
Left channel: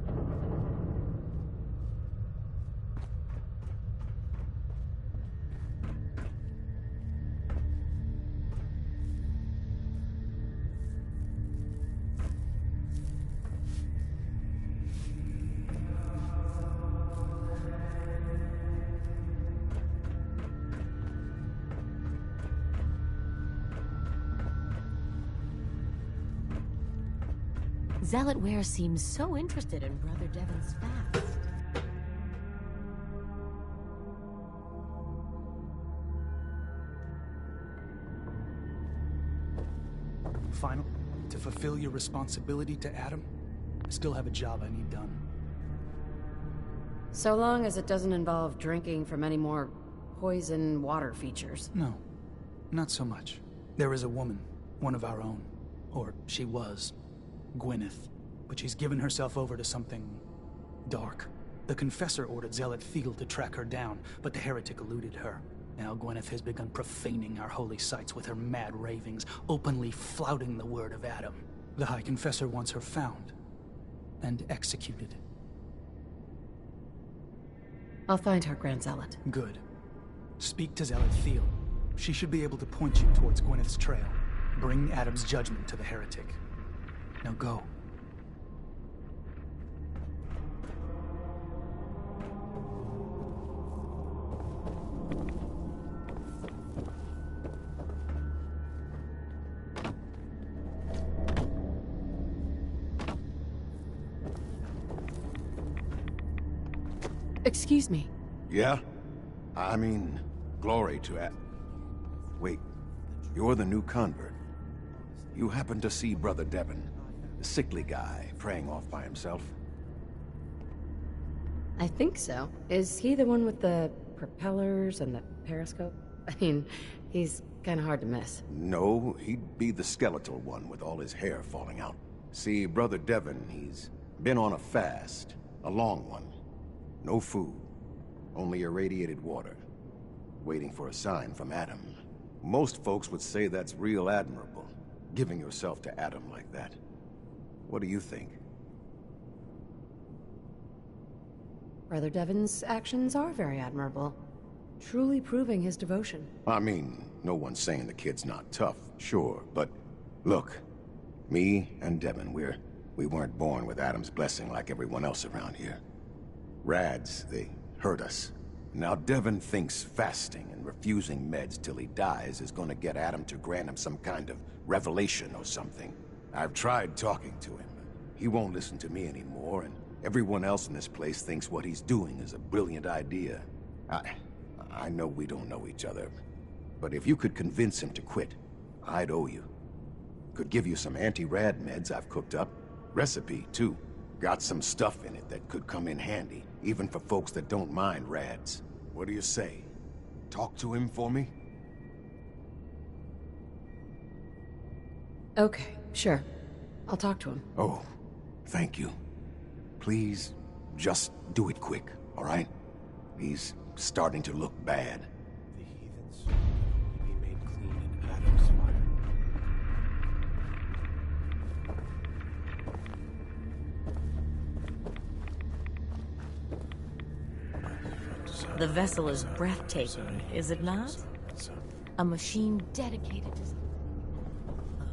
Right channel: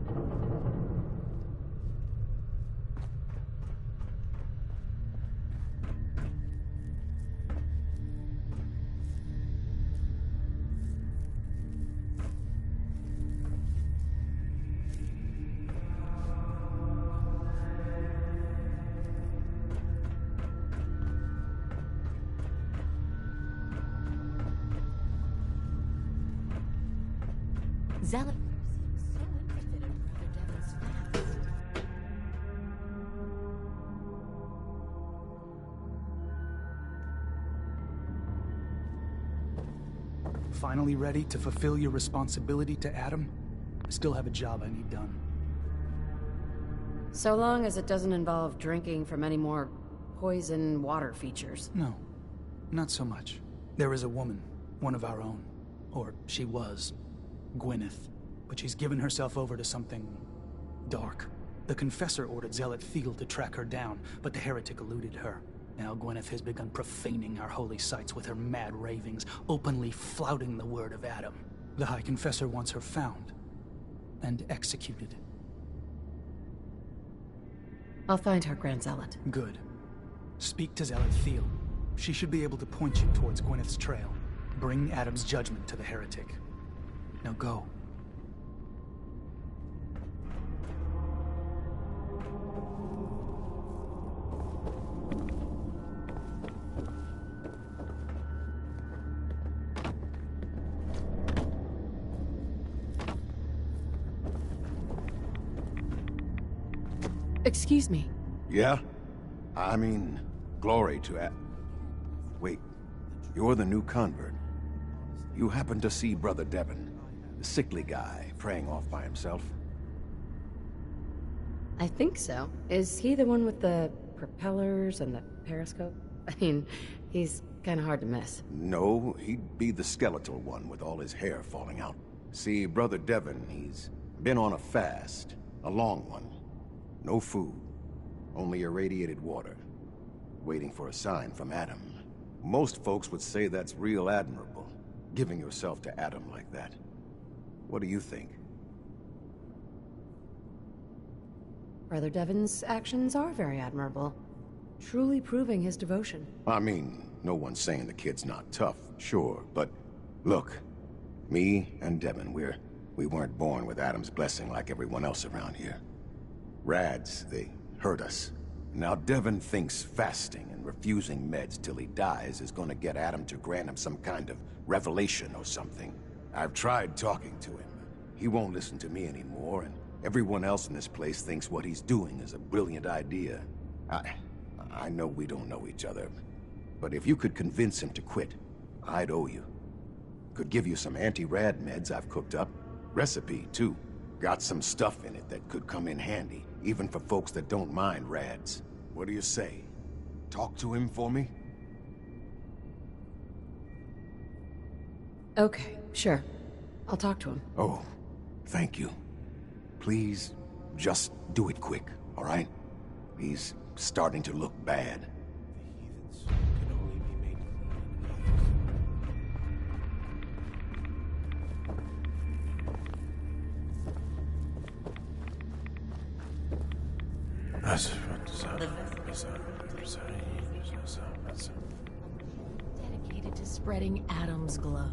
Zealot Ware seems so interested in Brother Devon's fast. Finally ready to fulfill your responsibility to Adam? I still have a job I need done. So long as it doesn't involve drinking from any more poison water features. No, not so much. There is a woman, one of our own. Or she was. Gwyneth. But she's given herself over to something dark. The Confessor ordered Zealot Thiel to track her down, but the heretic eluded her. Now Gwyneth has begun profaning our holy sites with her mad ravings, openly flouting the word of Adam. The High Confessor wants her found and executed. I'll find her, Grand Zealot. Good. Speak to Zealot Thiel. She should be able to point you towards Gwyneth's trail. Bring Adam's judgment to the heretic. Now go. Excuse me. Yeah? I mean, glory to Wait, you're the new convert. You happen to see Brother Devon, the sickly guy praying off by himself? I think so. Is he the one with the propellers and the periscope? I mean, he's kind of hard to miss. No, he'd be the skeletal one with all his hair falling out. See, Brother Devon, he's been on a fast, a long one. No food, only irradiated water, waiting for a sign from Adam. Most folks would say that's real admirable, giving yourself to Adam like that. What do you think? Brother Devon's actions are very admirable, truly proving his devotion. I mean, no one's saying the kid's not tough, sure, but look, me and Devon, we weren't born with Adam's blessing like everyone else around here. RaDs, they hurt us. Now Devon thinks fasting and refusing meds till he dies is gonna get Adam to grant him some kind of revelation or something. I've tried talking to him. He won't listen to me anymore, and everyone else in this place thinks what he's doing is a brilliant idea. I know we don't know each other, but if you could convince him to quit, I'd owe you. Could give you some anti-rad meds I've cooked up. Recipe, too. Got some stuff in it that could come in handy, even for folks that don't mind RaDs. What do you say? Talk to him for me? Okay, sure. I'll talk to him. Oh, thank you. Please, just do it quick, all right? He's starting to look bad. The heathens can only be made clean in Adam's The vessel is breathtaking, is it not? A machine dedicated to spreading Adam's glow.